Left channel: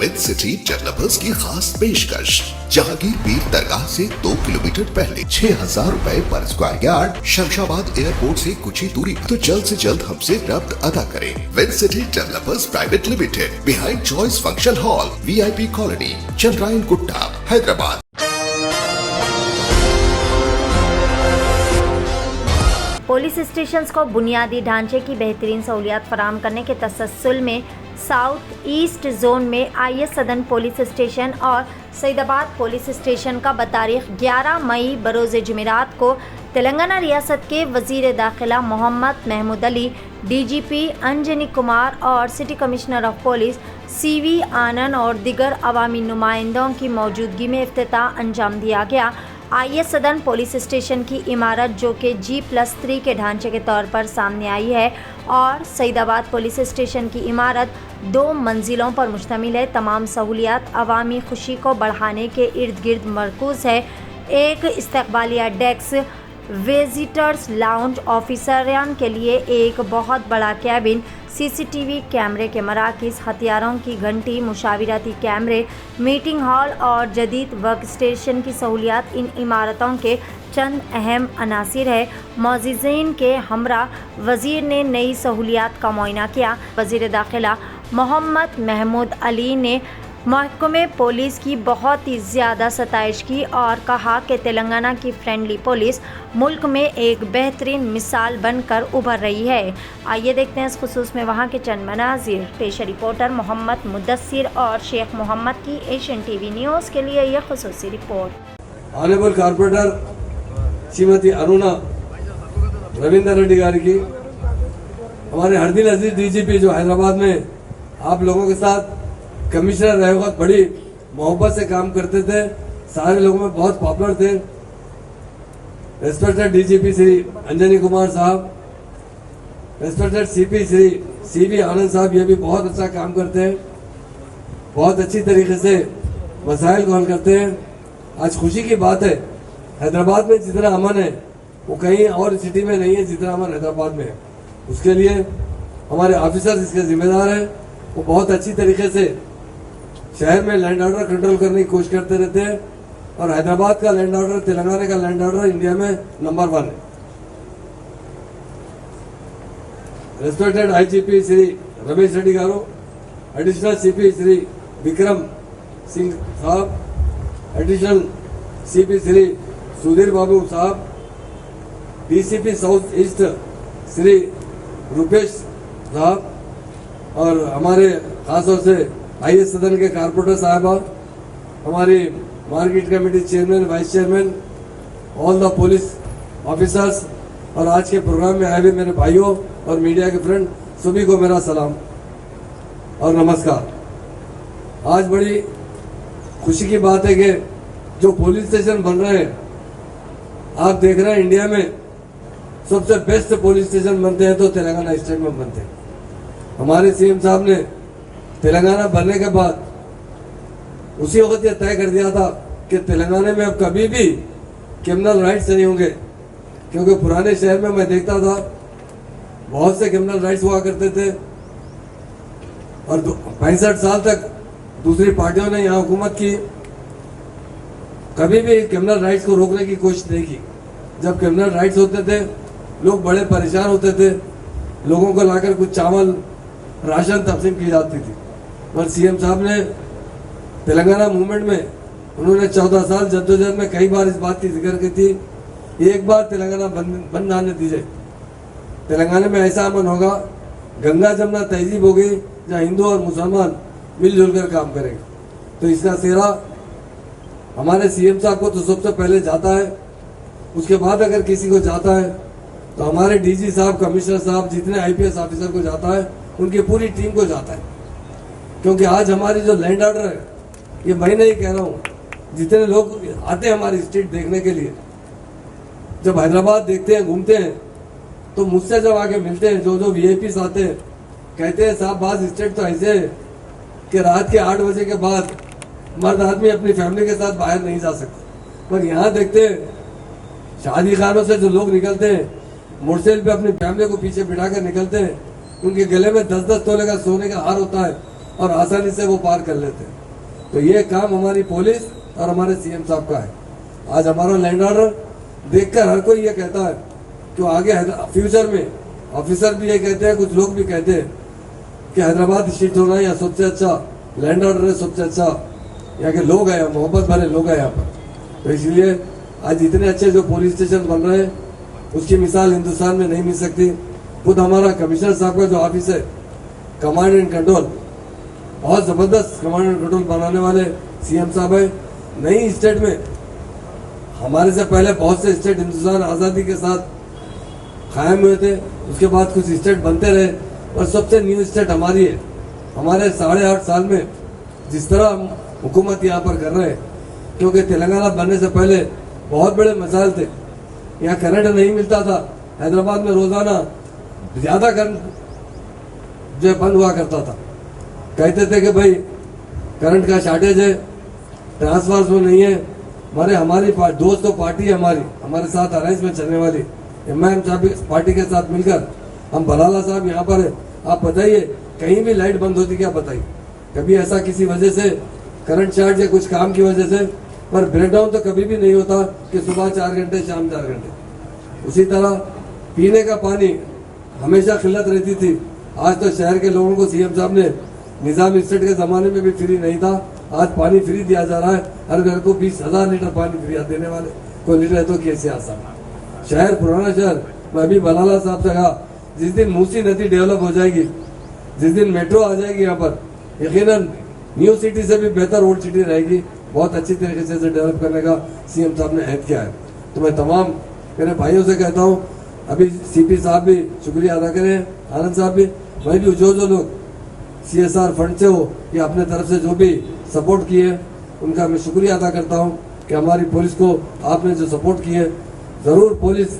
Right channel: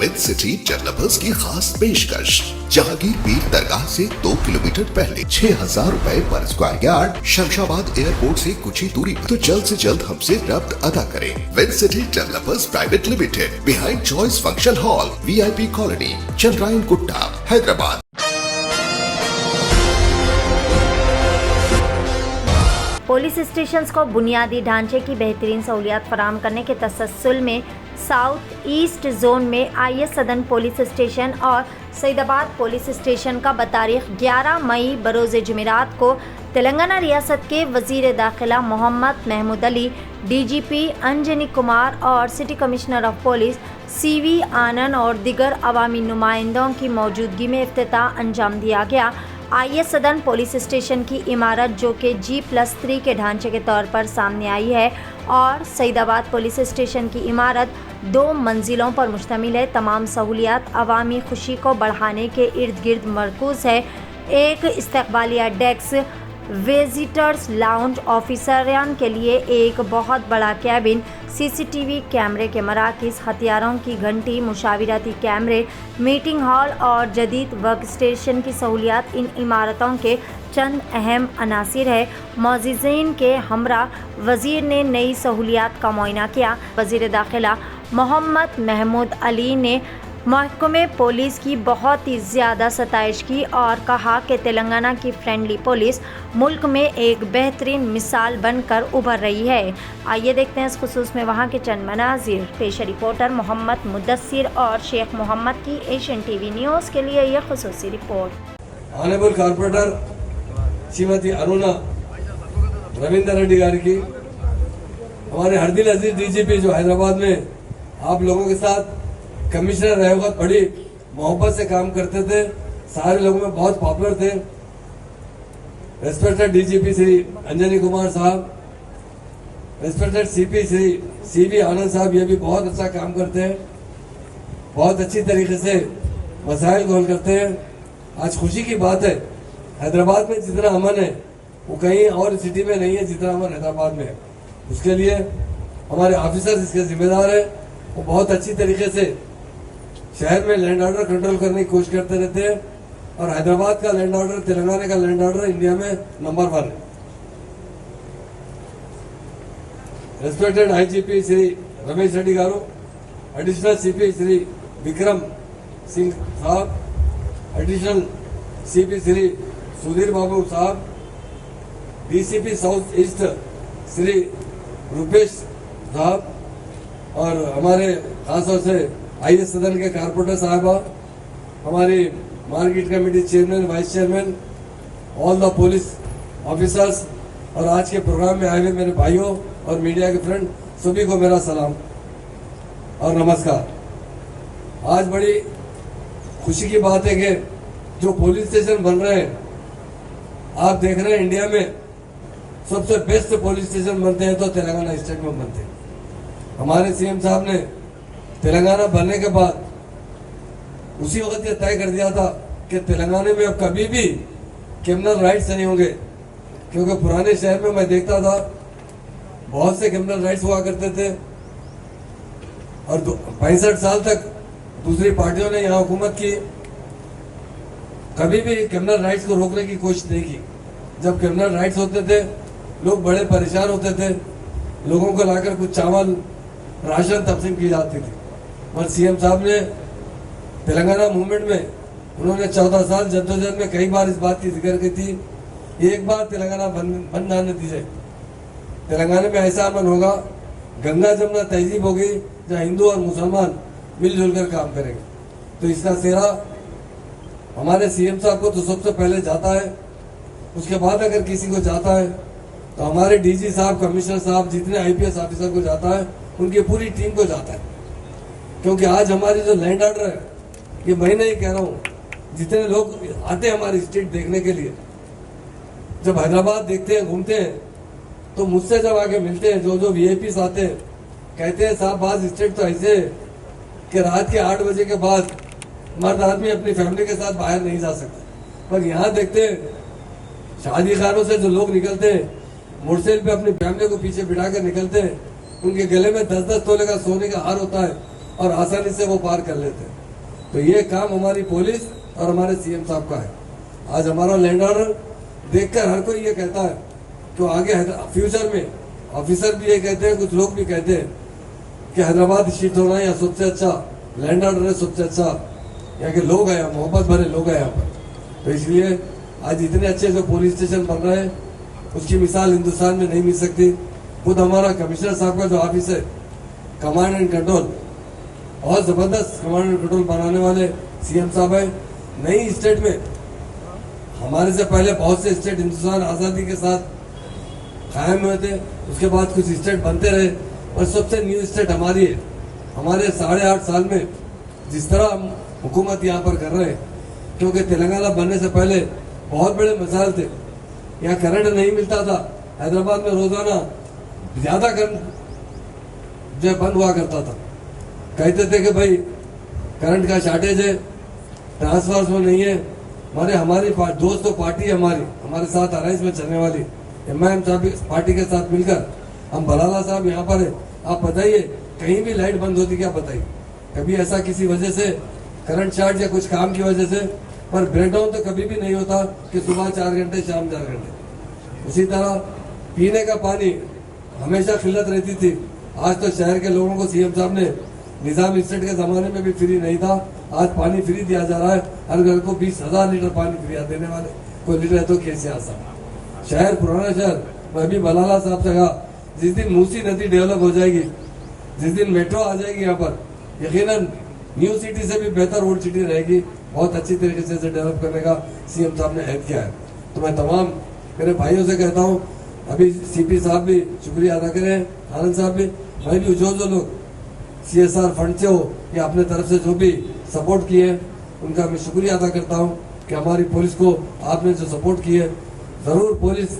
With city developers की खास पेशकश। जहांगीर पीर दरगाह से 2 किलोमीटर पहले 6,000 रुपए पर स्क्वायर यार्ड, शमशाबाद एयरपोर्ट से कुछ ही दूरी पर। तो जल्द से जल्द हमसे रब्त अदा करें। With city developers private limited, behind choice function hall, VIP colony, Chandrayangutta, Hyderabad. Police stations को बुनियादी ढांचे की बेहतरीन सहूलियात फराहम करने के तसल्सल में साउथ ईस्ट जोन में IS सदन पुलिस स्टेशन और सईदाबाद पुलिस स्टेशन का बतारीख 11 मई बरोज़ जुमेरात को तेलंगाना रियासत के वज़ीर दाखिला मोहम्मद महमूद अली, DGP अंजनी कुमार और city commissioner of police CV आनंद और दिगर अवामी नुमाइंदों की मौजूदगी में इफ्तिताह अंजाम दिया गया। IS सदन पुलिस स्टेशन की इमारत, जो कि G+3 के ढांचे के तौर पर सामने आई है, और सईदाबाद पुलिस स्टेशन की इमारत 2 मंजिलों पर मुश्तमिल है। तमाम सहूलियात अवामी खुशी को बढ़ाने के इर्द गिर्द मरकूज़ है। एक इस्तकबालिया डेस्क, विजिटर्स लाउंज, ऑफिसरान के लिए एक बहुत बड़ा कैबिन, CCTV कैमरे के मराकज़, हथियारों की घंटी, मुशावरती कैमरे, मीटिंग हॉल और जदीद वर्क स्टेशन की सहूलियात इन इमारतों के चंद अहम अनासिर है। मौज़ीज़ीन के हमरा वज़ीर ने नई सहूलियात का मुआयना किया। वज़ीर दाखिला मोहम्मद महमूद अली ने महकमे पुलिस की बहुत ही ज़्यादा सताइश की और कहा कि तेलंगाना की फ्रेंडली पुलिस मुल्क में एक बेहतरीन मिसाल बनकर उभर रही है। आइए देखते हैं इस खुसूस में वहाँ के चंद मनाजिर। पेश रिपोर्टर मोहम्मद मुदस्सिर और शेख मोहम्मद की एशियन TV न्यूज़ के लिए यह खुसूसी report. Honourable corporator Shrimati Aruna Ravinder Reddy garu की, हमारे हरदिल अजीज DGP जो हैदराबाद में आप लोगों के साथ कमिश्नर रहे वक्त बड़ी मोहब्बत से काम करते थे, सारे लोगों में बहुत पॉपुलर थे। रेस्पेक्टेड DGP श्री अंजनी कुमार साहब, रेस्पेक्टेड CP श्री CV आनंद साहब, ये भी बहुत अच्छा काम करते हैं, बहुत अच्छी तरीके से मसाइल को हल करते हैं। आज खुशी की बात है, हैदराबाद में जितना अमन है वो कहीं और सिटी में नहीं है जितना अमन हैदराबाद में है। उसके लिए हमारे ऑफिसर्स इसके जिम्मेदार है। वो बहुत अच्छी तरीके से शहर में लैंड ऑर्डर कंट्रोल करने की कोशिश करते रहते हैं, और हैदराबाद का लैंड ऑर्डर, तेलंगाना का लैंड ऑर्डर इंडिया में नंबर 1 है। रेस्पेक्टेड IGP श्री रमेश रेड्डी गारू, एडिशनल CP श्री विक्रम सिंह साहब, एडिशनल CP श्री सुधीर बाबू साहब, DCP south east Shri Rupesh साहब, और हमारे खासतौर से IS सदन के कारपोरेटर साहबा, हमारी market committee chairman, vice chairman, all the police officers, और आज के प्रोग्राम में आए हुए मेरे भाइयों और मीडिया के फ्रेंड सभी को मेरा सलाम और नमस्कार। आज बड़ी खुशी की बात है कि जो पुलिस स्टेशन बन रहे हैं, आप देख रहे हैं इंडिया में सबसे बेस्ट पुलिस स्टेशन बनते हैं तो तेलंगाना स्टेट में बनते हैं। हमारे CM साहब ने तेलंगाना बनने के बाद उसी वक्त यह तय कर दिया था कि तेलंगाना में अब कभी भी क्रिमिनल राइट्स नहीं होंगे, क्योंकि पुराने शहर में मैं देखता था बहुत से क्रिमिनल राइट्स हुआ करते थे, और 65 साल तक दूसरी पार्टियों ने यहाँ हुकूमत की, कभी भी क्रिमिनल राइट्स को रोकने की कोशिश नहीं की। जब क्रिमिनल राइट्स होते थे लोग बड़े परेशान होते थे, लोगों को लाकर कुछ चावल राशन तकसीम की जाती थी। पर CM साहब ने तेलंगाना मूवमेंट में उन्होंने 14 साल जद्दोजहद में कई बार इस बात की जिक्र की थी, एक बार तेलंगाना बंद आने दीजिए, तेलंगाना में ऐसा अमन होगा, गंगा जमुना तहजीब होगी जहाँ हिंदू और मुसलमान मिलजुल कर काम करेंगे। तो इसका सेहरा हमारे CM साहब को तो सबसे पहले जाता है, उसके बाद अगर किसी को जाता है तो हमारे DG साहब, कमिश्नर साहब, जितने IPS ऑफिसर को जाता है, उनकी पूरी टीम को जाता है। क्योंकि आज हमारी जो लैंड ऑर्डर है, ये मैं नहीं कह रहा हूँ, जितने लोग आते हैं हमारी स्ट्रीट देखने के लिए, जब हैदराबाद देखते हैं, घूमते हैं, तो मुझसे जब आके मिलते हैं, जो VIPs आते हैं, कहते हैं साहब बाज स्टेट तो ऐसे है कि रात के 8 बजे के बाद मर्द आदमी अपनी फैमिली के साथ बाहर नहीं जा सकता, पर यहाँ देखते हैं शादी खानों से जो लोग निकलते हैं, मोटरसाइकिल पे अपनी फैमिली को पीछे बिठा कर निकलते हैं, उनके गले में 10-10 तोले का सोने का हार होता है, और आसानी से वो पार कर लेते हैं। तो ये काम हमारी पुलिस और हमारे सीएम साहब का है। आज हमारा लैंड ऑर्डर देखकर हर कोई ये कहता है कि आगे फ्यूचर में ऑफिसर भी ये कहते हैं, कुछ लोग भी कहते हैं कि हैदराबाद शिफ्ट होना है या सबसे अच्छा लैंड ऑर्डर है, सबसे अच्छा यहाँ के लोग हैं, मोहब्बत भरे लोग हैं यहाँ पर। तो इसलिए आज इतने अच्छे जो पुलिस स्टेशन बन रहे हैं उसकी मिसाल हिंदुस्तान में नहीं मिल सकती। खुद हमारा कमिश्नर साहब का जो ऑफिस है कमांड एंड कंट्रोल, बहुत जबरदस्त कमांड एंड कंट्रोल बनाने वाले सीएम साहब है। नई स्टेट में हमारे से पहले बहुत से स्टेट हिंदुस्तान आज़ादी के साथ कायम हुए थे, उसके बाद कुछ स्टेट बनते रहे, और सबसे न्यू स्टेट हमारी है। हमारे 8.5 साल में जिस तरह हम हुकूमत यहाँ पर कर रहे हैं, क्योंकि तेलंगाना बनने से पहले बहुत बड़े मसाइल थे, यहाँ करंट नहीं मिलता था। हैदराबाद में रोजाना ज्यादा करंट जो बंद हुआ करता था, कहते थे कि भाई करंट का शॉर्टेज है, ट्रांसफार्मर में नहीं है। हमारी दोस्तों पार्टी है हमारे साथ अलायंस में चलने वाली MIM साहब पार्टी के साथ मिलकर हम बलाला साहब यहाँ पर है। आप बताइए कहीं भी लाइट बंद होती क्या बताइए? कभी ऐसा किसी वजह से करंट शॉर्ट या कुछ काम की वजह से, पर ब्रेकडाउन तो कभी भी नहीं होता कि सुबह 4 घंटे शाम 4 घंटे। उसी तरह पीने का पानी हमेशा किल्लत रहती थी। आज तो शहर के लोगों को सीएम साहब ने निजाम स्टेट के जमाने में भी फ्री नहीं था, आज पानी फ्री दिया जा रहा है। हर घर को 20,000 लीटर पानी फ्री देने वाले कोई लीटर है तो कैसे आसान शहर, पुराना शहर। मैं अभी बलाला साहब से कहा, जिस दिन मूसी नदी डेवलप हो जाएगी, जिस दिन मेट्रो आ जाएगी यहाँ पर, यकीनन न्यू सिटी से भी बेहतर ओल्ड सिटी रहेगी। बहुत अच्छी तरीके से डेवलप करने का सीएम साहब ने ऐड किया है। तो मैं तमाम मेरे भाइयों से कहता हूँ, अभी सीपी साहब भी शुक्रिया अदा करें, आनंद साहब भी, मैं भी जो लोग CSR फंड से हो या अपने तरफ से जो भी सपोर्ट किए उनका मैं शुक्रिया अदा करता हूँ कि हमारी पुलिस को आपने जो सपोर्ट किए। जरूर पुलिस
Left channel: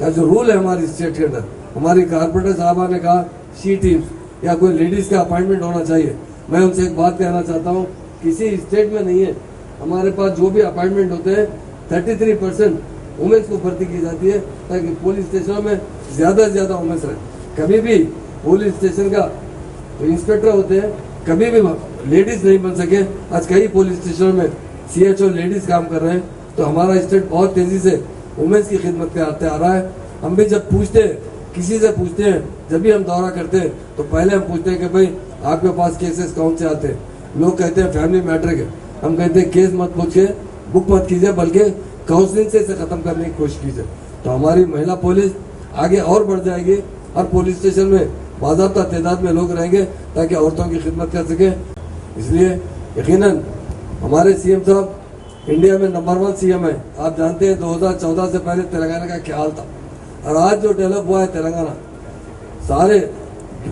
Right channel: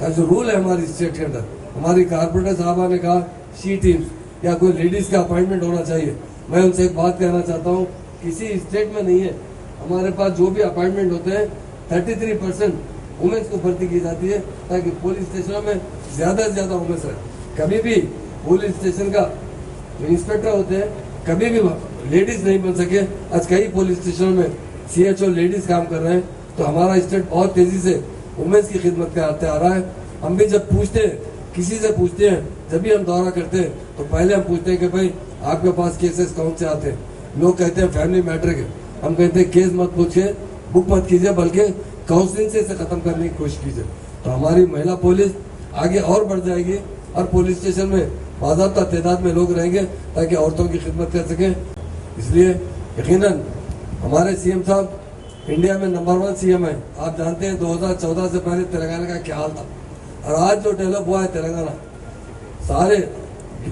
का जो रूल है हमारी स्टेट के अंदर, हमारी कारपोरेटर साहबा ने कहा शी टीम्स या कोई लेडीज का अपॉइंटमेंट होना चाहिए। मैं उनसे एक बात कहना चाहता हूँ, किसी स्टेट में नहीं है। हमारे पास जो भी अपॉइंटमेंट होते हैं 33% वुमेन्स को भर्ती की जाती है, ताकि पुलिस स्टेशनों में ज्यादा से ज्यादा वुमेन्स रहे। कभी भी पुलिस स्टेशन का जो इंस्पेक्टर होते हैं कभी भी लेडीज नहीं बन सके। आज कई पुलिस स्टेशनों में CHO लेडीज काम कर रहे हैं। तो हमारा स्टेट बहुत तेजी से वुमेन्स की खिदमत करते आ रहा है। हम भी जब पूछते हैं, किसी से पूछते हैं, जब भी हम दौरा करते हैं तो पहले हम पूछते हैं कि भाई आपके पास केसेस कौन से आते हैं। लोग कहते हैं फैमिली मैटर के, हम कहते हैं केस मत पूछिए, बुक मत कीजिए, बल्कि काउंसलिंग से इसे खत्म करने की कोशिश कीजिए। तो हमारी महिला पुलिस आगे और बढ़ जाएगी। हर पुलिस स्टेशन में बाज़ाब्ता तादाद में लोग रहेंगे ताकि औरतों की खिदमत कर सके। इसलिए यकीनन हमारे सीएम साहब इंडिया में नंबर 1 सीएम है। आप जानते हैं 2014 से पहले तेलंगाना का क्या हाल था, और आज जो डेवलप हुआ है तेलंगाना, सारे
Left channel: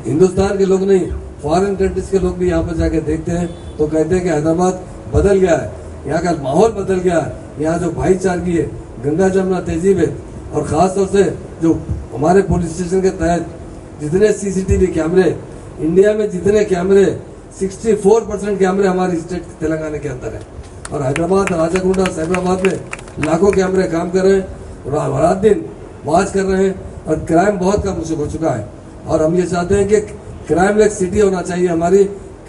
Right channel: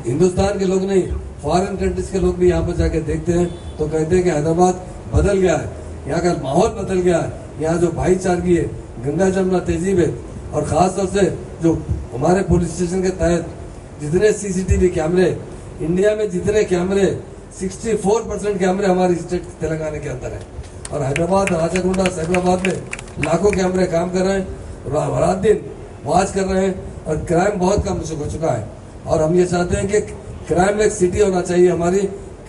हिंदुस्तान के लोग नहीं, फॉरेन कंट्रीज के लोग भी यहाँ पर जाके देखते हैं तो कहते हैं कि हैदराबाद बदल गया है, यहाँ का माहौल बदल गया है। यहाँ जो भाईचारगी है, गंगा जमुना तहजीब है, और खास तौर से जो हमारे पुलिस स्टेशन के तहत जितने CCTV कैमरे इंडिया में, जितने कैमरे 64% कैमरे हमारी स्टेट तेलंगाना के अंदर है। और हैदराबाद, राजागुंडा, साइबराबाद में लाखों कैमरे काम कर रहे हैं, रात दिन वॉच कर रहे हैं, और क्राइम बहुत कम हो चुका है। और हम ये चाहते हैं कि क्राइमलेस सिटी होना चाहिए, हमारी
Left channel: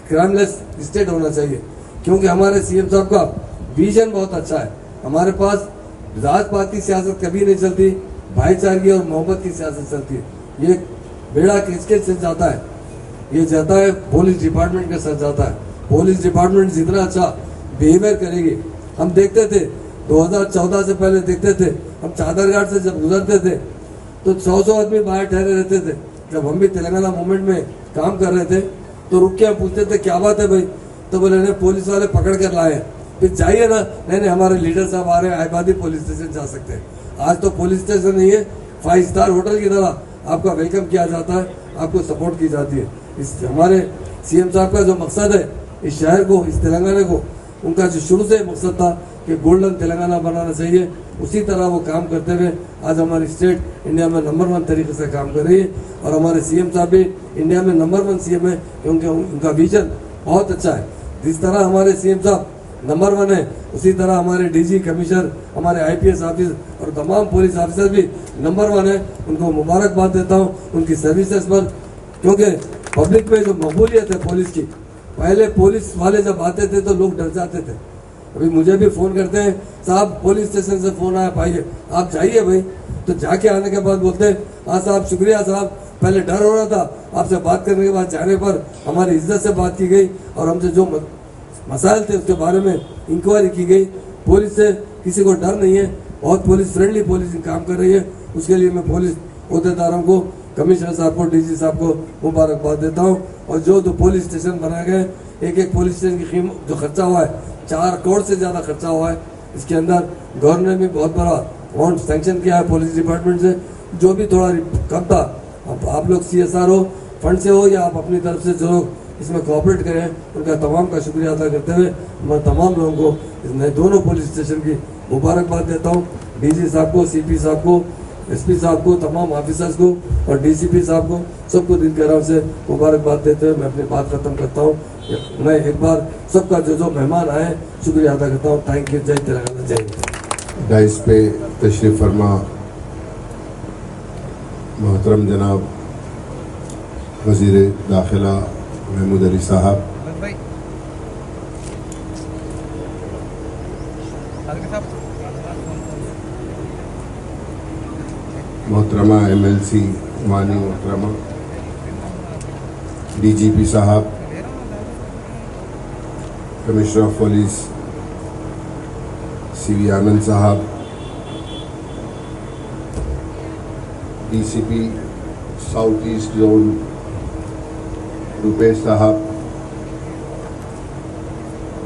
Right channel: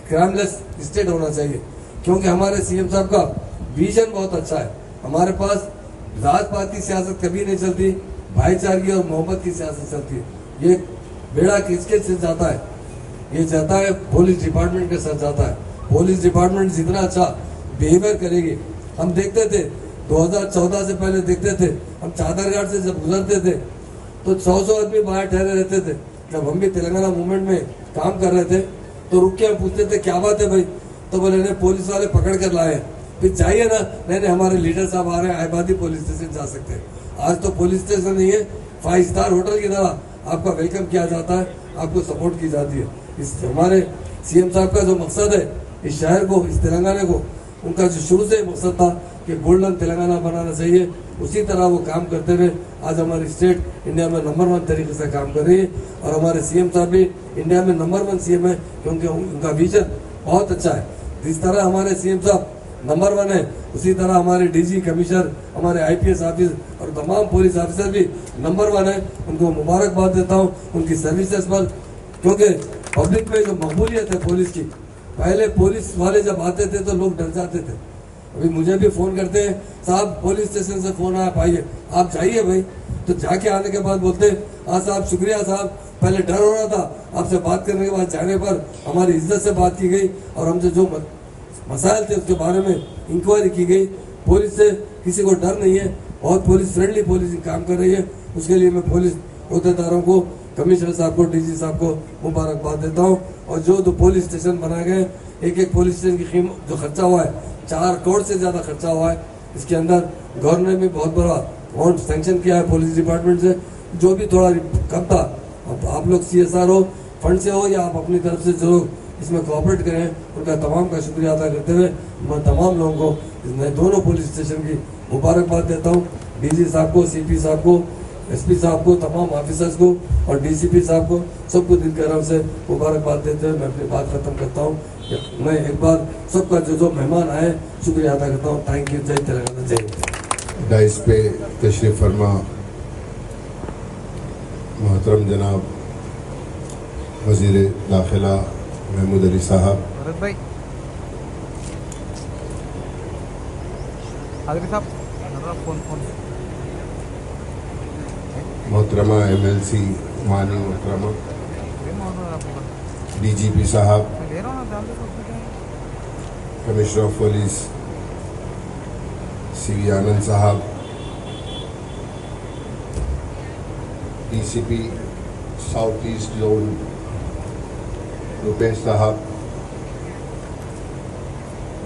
क्राइमलेस स्टेट होना चाहिए, क्योंकि हमारे सीएम साहब का विजन बहुत अच्छा है। हमारे पास जात-पात की सियासत कभी नहीं चलती, भाईचारगी और मोहब्बत की सियासत चलती है। ये बेड़ा किसके से जाता है? ये जाता है पुलिस डिपार्टमेंट के साथ जाता है। पुलिस डिपार्टमेंट जितना अच्छा बिहेवियर करेगी, हम देखते थे 2014 से पहले देखते थे, हम चादरघाट से जब गुजरते थे तो 100 आदमी बाहर ठहरे रहते थे। जब हम भी तेलंगाना मूवमेंट में काम कर रहे थे तो रुक के हम पूछते थे क्या बात है भाई, तो बोले नहीं पुलिस वाले पकड़ कर लाए। फिर चाहिए ना, नहीं हमारे लीडर साहब आ रहे हैं, आबादी पुलिस स्टेशन जा सकते हैं। आज तो पुलिस स्टेशन नहीं है, 5 स्टार होटल की तरह आपका वेलकम किया जाता है, आपको सपोर्ट की जाती है। इस हमारे सीएम साहब का जो मकसद है इस शहर को, इस तेलंगाना को, उनका जो शुरू से मकसद था कि गोल्डन तेलंगाना बनाना चाहिए, उसी तरह वो काम करते हुए आज हमारी स्टेट इंडिया में नंबर 1 तरीके से काम कर रही है। और हमारे सीएम साहब भी इंडिया में नंबर 1 सीएम है, क्योंकि उनका विजन बहुत अच्छा है। जिस तरह हमारे सीएम साहब नंबर 1 है, उसी तरह हमारे DG कमिश्नर, हमारे IPS ऑफिस और तमाम पुलिस ऑफिसर भी नंबर 1 है। उनको मुबारकबाद देता हूँ उनकी सर्विसेज पर, क्योंकि पब्लिक में जो मकबूलियत है पुलिस की पहले पुलिस वाले जब आते थे तो लोग डर जाते थे। अभी मुझे भी फोन करते हैं, साहब पुलिस स्टेशन से फोन आया, पाइए आप जाइए भाई। तो जाके आने के बाद बोलते हैं, हाँ साहब शुक्रिया साहब, पहले डर हो रहा था, आपसे बात करने के बाद जाने पर हमारी इज्जत से बात की गई और हमसे जो मसाइल थे उसके बारे में इंक्वायरी की गई। पुलिस से किसी को डर नहीं है, बहुत पुलिस फ्रेंडली पुलिस काम कर रही है। उसके लिए मैं पुलिस अहदेदारों को, कमिश्नर साहब को, डीजी साहब को मुबारकबाद देता हूँ। और जो पुलिस स्टेशन बनाए गए, एक पुलिस स्टेशन की कीमत जो खर्चा हुआ है 4 करोड़ से ज़्यादा खर्चा हुआ है। इसके अंदर गवर्नमेंट ने भी बहुत बड़ा अमाउंट सैंक्शन किया है पुलिस डिपार्टमेंट से, जो भी थोड़ा कम था। आप लोग CSRO फंड से हो या आप अपनी तरफ से जो लोग इसमें कोऑपरेट करें, उनका तमाम का शुक्रिया अदा करते हुए मैं तमाम लोगों को दोनों पुलिस स्टेशन की मुबारकबाद देता हूँ। DG साहब को, CP साहब को, SP साहब को, तमाम ऑफिसर्स को और DCP साहब को, सबको दिल के नाम से मुबारकबाद देते हुए मैं अपनी बात खत्म करता हूँ। मैं एक बार सबका जो मेहमान आए शुक्रिया अदा करता हूँ। Thank you. जय तेलंगाना, जय हिंद। डाइस पे तशरीफ फरमा मोहतरम जनाब वज़ीर दाखिला महमूद अली साहब, मोहतरमा MLC मानी मोहतरमा DGP साहब, कमिश्नर ऑफ पुलिस CV आनंद साहब, DCP south east zone Rupesh साहब,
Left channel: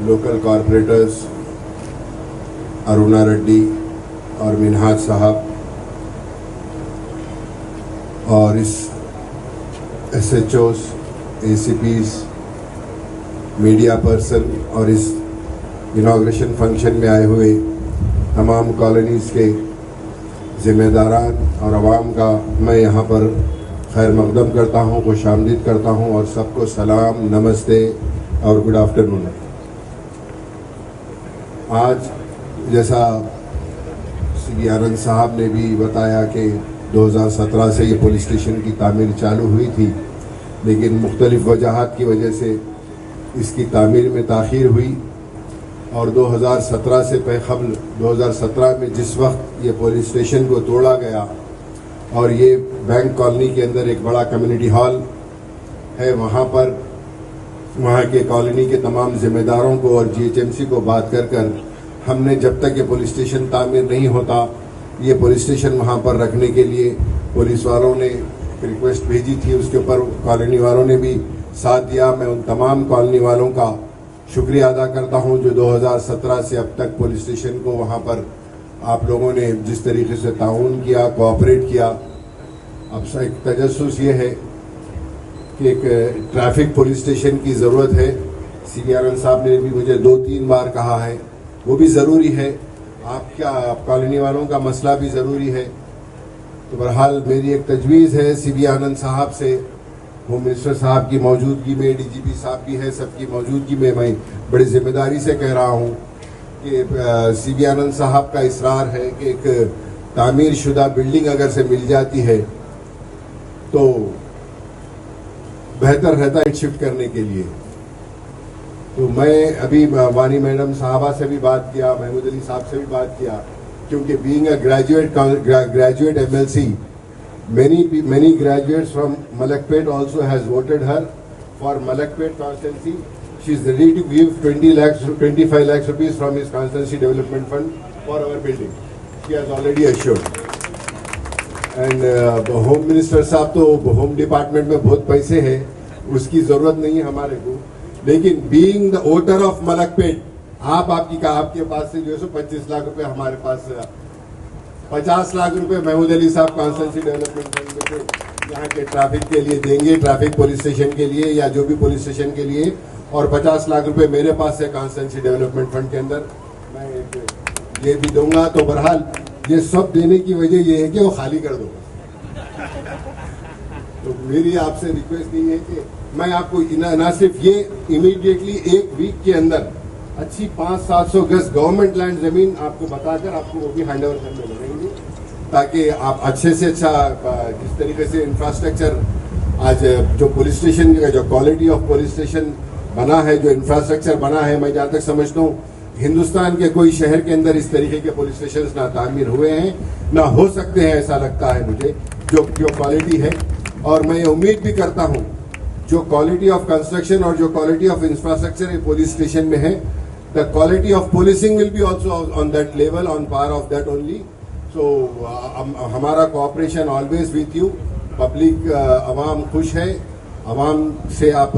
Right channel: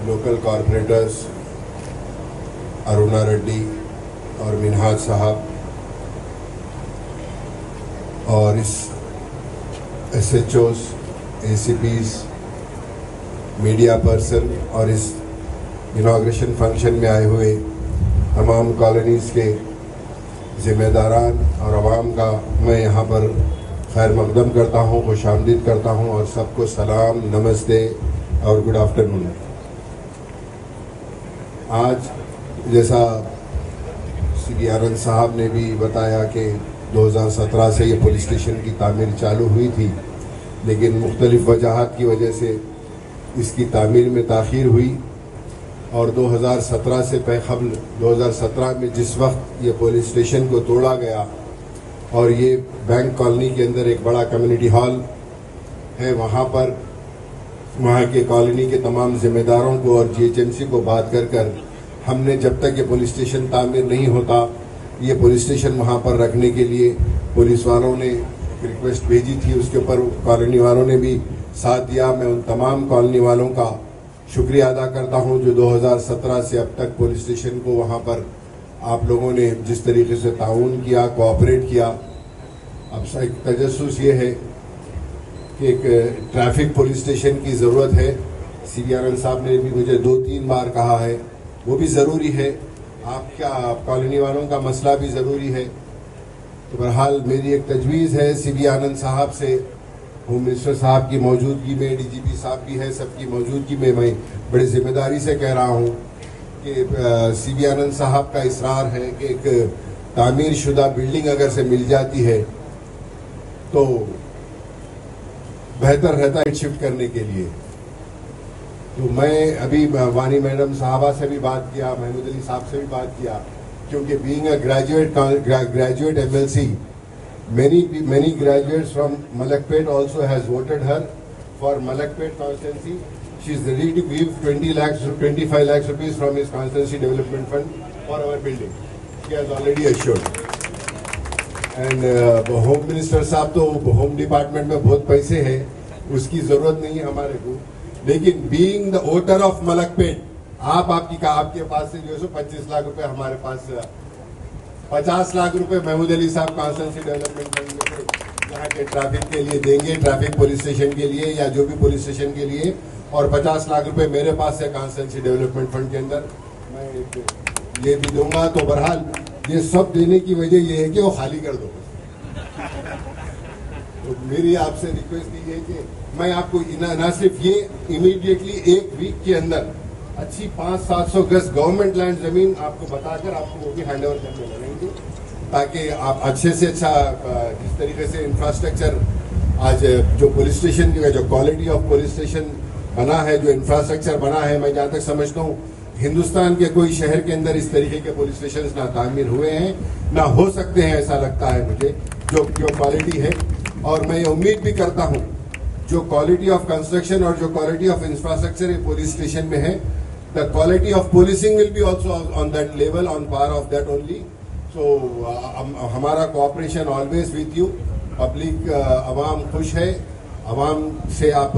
लोकल कॉरपोरेटर्स अरुणा रेड्डी और मिनहाज साहब, और इस SHOs, ACPs, मीडिया पर्सन और इस इनॉग्रेशन फंक्शन में आए हुए तमाम कॉलोनीज़ के ज़िम्मेदारान और आवाम का मैं यहाँ पर खैर मकदम करता हूँ, खुशामदीद करता हूँ और सबको सलाम, नमस्ते और गुड आफ्टरनून। आज जैसा CV आनंद साहब ने भी बताया कि 2017 से ये पुलिस स्टेशन की तामीर चालू हुई थी, लेकिन मुख्तलिफ वजहात की वजह से इसकी तामीर में ताख़ीर हुई और 2017 से क़बल 2017 में जिस वक्त ये पुलिस स्टेशन को तोड़ा गया और ये बैंक कॉलोनी के अंदर एक बड़ा कम्युनिटी हॉल है, वहाँ के कॉलोनी के तमाम ज़िम्मेदारों को और GHMC को बात कर हमने जब तक ये पुलिस स्टेशन तामीर नहीं होता, ये पुलिस स्टेशन वहाँ पर रखने के लिए पुलिस वालों ने रिक्वेस्ट भेजी थी। उसके ऊपर कॉलोनी वालों ने भी साथ दिया। मैं उन तमाम कॉलोनी वालों का शुक्रिया अदा करता हूं जो 2017 से अब तक पुलिस स्टेशन को वहां पर आप लोगों ने जिस तरीके से ताउन किया, कोऑपरेट किया। अब एक तजस्सुस ये है कि एक ट्रैफिक पुलिस स्टेशन की ज़रूरत है। CV आनंद साहब ने भी मुझे 2-3 बार कहा है, वो भी ज़रूरी है। आपका कॉलोनी वालों का मसला भी ज़रूरी है। तो बहरहाल मेरी एक तजवीज़ है CV आनंद साहब से, होम मिनिस्टर साहब की मौजूदगी में, DGP साहब की है, सबकी मौजूदगी में मैं बड़ी जिम्मेदारी से कह रहा हूँ कि CV आनंद साहब का इसरार है कि एक तामीर शुदा बिल्डिंग अगर से मिल जाती है तो बेहतर रहता है शिफ्ट करने के लिए। तो मैं अभी वानी मैडम साहबा से भी बात किया, महमूद अली साहब से भी बात किया, क्योंकि being a graduate MLC, many graduates from Malakpet also has voted her for Malakpet constituency. She is ready to give 25 lakhs rupees from his constituency development fund for our building. She has already assured. And home minister साहब तो home department में बहुत पैसे हैं, उसकी जरूरत नहीं है हमारे को, लेकिन being the voter of Malakpet, आपके पास से जो है 25 लाख रुपए, हमारे पास 50 लाख रुपए महमूद अली साहब कॉन्स्टिट्यूंसी डेवलपमेंट फंड में यहाँ के ट्रैफिक के लिए देंगे, ट्रैफिक पुलिस स्टेशन के लिए या जो भी पुलिस स्टेशन के लिए, और 50 लाख रुपए मेरे पास है कॉन्स्टिट्यूंसी डेवलपमेंट फंड के अंदर मैं ये भी दूंगा। तो बहरहाल ये सब देने की वजह ये है कि वो खाली कर दो। तो मेरी आपसे रिक्वेस्ट ये है कि मैं आपको ना सिर्फ ये इमीडिएटली 1 वीक के अंदर अच्छी 500-700 गज गवर्नमेंट लैंड जमीन आपको बताकर आपको वो भी हैंड ओवर करने लगेंगे, ताकि आप अच्छे से अच्छा जिस तरीके से इंफ्रास्ट्रक्चर आज जो पुलिस स्टेशन का जो क्वालिटी ऑफ पुलिस स्टेशन बना है, जो इंफ्रास्ट्रक्चर बना है, मैं जहाँ तक समझता हूँ हिंदुस्तान के कोई शहर के अंदर इस तरीके के पुलिस स्टेशन ना तामीर हुए हैं, ना हो सकते हैं, ऐसा लगता है मुझे, जो क्वालिटी है। और मैं ये उम्मीद भी करता हूँ जो क्वालिटी ऑफ कंस्ट्रक्शन और जो quality of infrastructure police station में है, the quality of policing will be also on that level, on par of that only. So हमारा cooperation always with you. Public अवाम खुश है, अवाम से आप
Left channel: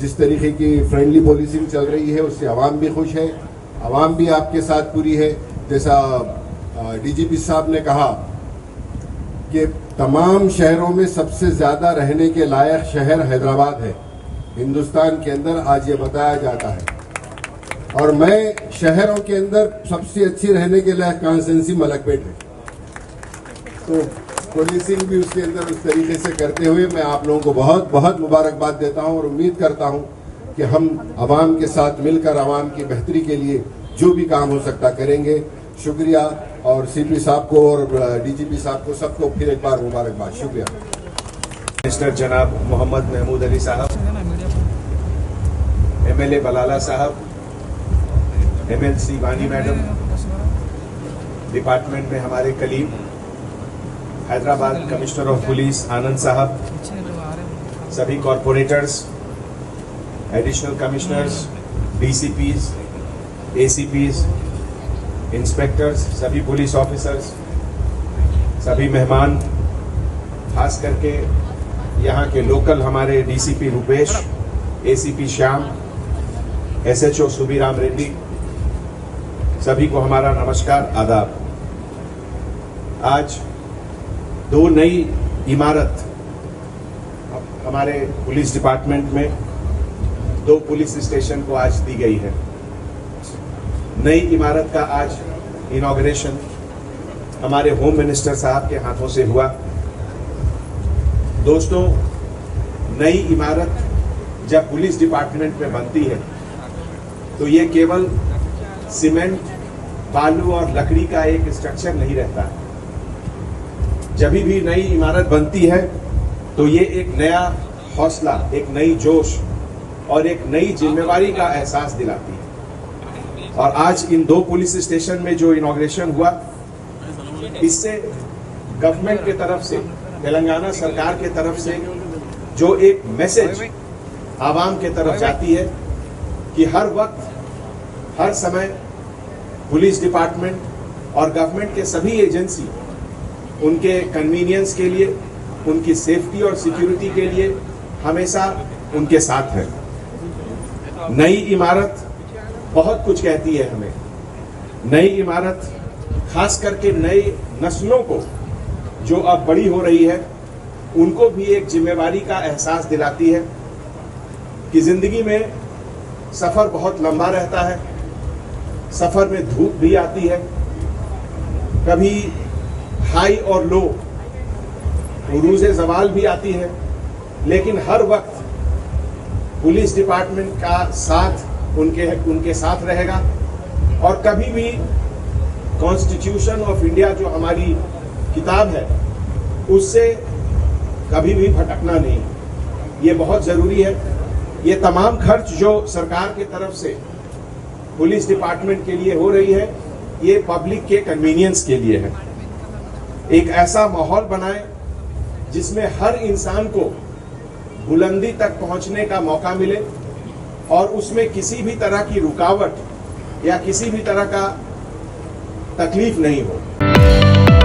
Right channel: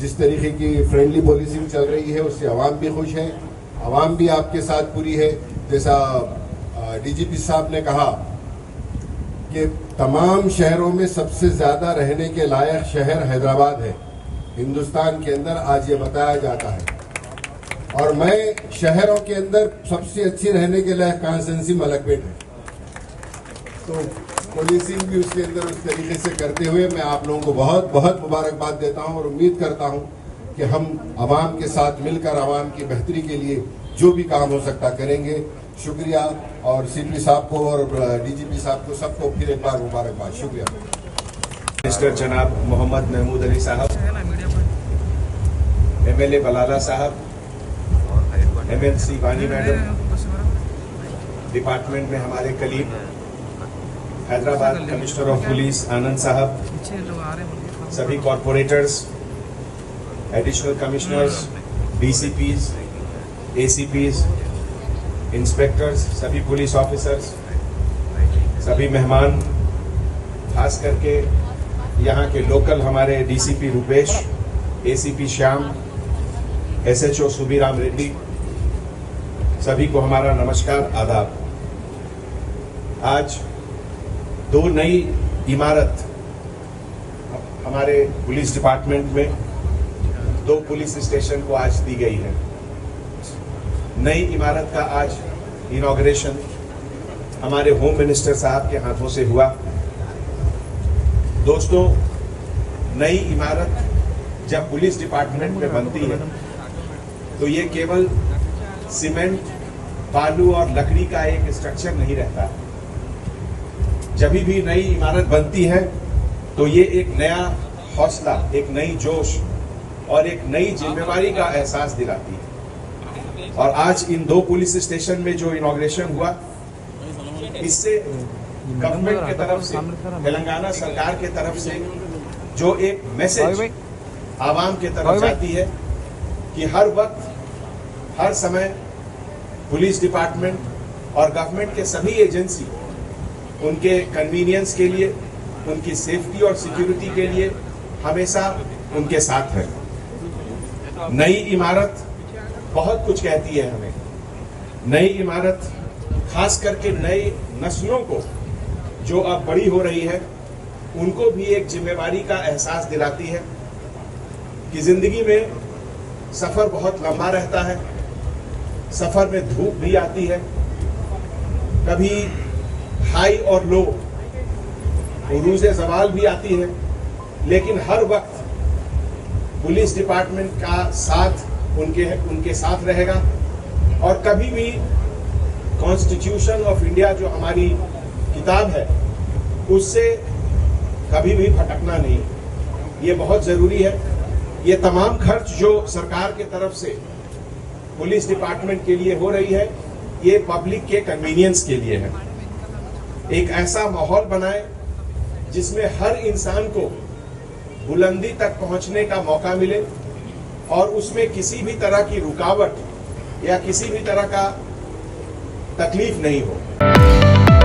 जिस तरीके की फ्रेंडली पुलिसिंग चल रही है उससे अवाम भी खुश है, अवाम भी आपके साथ पूरी है। जैसा डीजीपी साहब ने कहा कि तमाम शहरों में सबसे ज्यादा रहने के लायक शहर हैदराबाद है हिंदुस्तान के अंदर, आज ये बताया जाता है। और मैं शहरों के अंदर सबसे अच्छी रहने के लायक कॉन्स्टिट्यूंसी मलकपेट है। तो पुलिसिंग भी उसके अंदर उस तरीके से करते हुए मैं आप लोगों को बहुत बहुत मुबारकबाद देता हूं और उम्मीद करता हूं कि हम अवाम के साथ मिलकर अवाम की बेहतरी के लिए जो भी काम हो सकता करेंगे। शुक्रिया, और सीपी साहब को और डीजीपी साहब को सबको फिर एक बार मुबारकबाद। शुक्रिया। मिनिस्टर जनाब मोहम्मद महमूद अली साहब, एमएलए बलाला साहब, एमएलसी वानी मैडम, डिपार्टमेंट में हमारे colleague, Hyderabad commissioner of police Anand sahab, सभी corporators, additional commissioners, DCPs, ACPs, inspectors, सभी पुलिस ऑफिसर्स, सभी मेहमान, खास करके यहाँ के लोकल हमारे DCP Rupesh, ACP Shyam, SHO Subiram Reddy, सभी को हमारा नमस्कार, आदाब। आज 2 नई इमारत हमारे पुलिस डिपार्टमेंट में 2 पुलिस स्टेशन को आज दी गई है। नई इमारत का आज इनॉग्रेशन हमारे होम मिनिस्टर साहब के हाथों से हुआ। दोस्तों, नई इमारत जब पुलिस डिपार्टमेंट में बनती है तो ये केवल सीमेंट, बालू और लकड़ी का एक स्ट्रक्चर नहीं रहता। जब भी नई इमारत बनती है तो ये एक नया हौसला, एक नई जोश और एक नई जिम्मेवारी का एहसास दिलाती है। और आज इन 2 पुलिस स्टेशन में जो इनॉग्रेशन हुआ, इससे गवर्नमेंट के तरफ से, तेलंगाना सरकार के तरफ से जो एक मैसेज आवाम के तरफ जाती है कि हर वक्त, हर समय पुलिस डिपार्टमेंट और गवर्नमेंट के सभी एजेंसी उनके कन्वीनियंस के लिए, उनकी सेफ्टी और सिक्योरिटी के लिए हमेशा उनके साथ है। नई इमारत बहुत कुछ कहती है हमें। नई इमारत खास करके नई नस्लों को जो अब बड़ी हो रही है, उनको भी एक जिम्मेवारी का एहसास दिलाती है कि जिंदगी में सफर बहुत लंबा रहता है, सफर में धूप भी आती है, कभी हाई और लो, उरूज़े ज़वाल भी आती है, लेकिन हर वक्त पुलिस डिपार्टमेंट का साथ उनके साथ रहेगा। और कभी भी कॉन्स्टिट्यूशन ऑफ इंडिया जो हमारी किताब है, उससे कभी भी भटकना नहीं, ये बहुत ज़रूरी है। ये तमाम खर्च जो सरकार की तरफ से पुलिस डिपार्टमेंट के लिए हो रही है, ये पब्लिक के कन्वीनियंस के लिए है। एक ऐसा माहौल बनाए जिसमें हर इंसान को बुलंदी तक पहुंचने का मौका मिले और उसमें किसी भी तरह की रुकावट या किसी भी तरह का तकलीफ नहीं हो।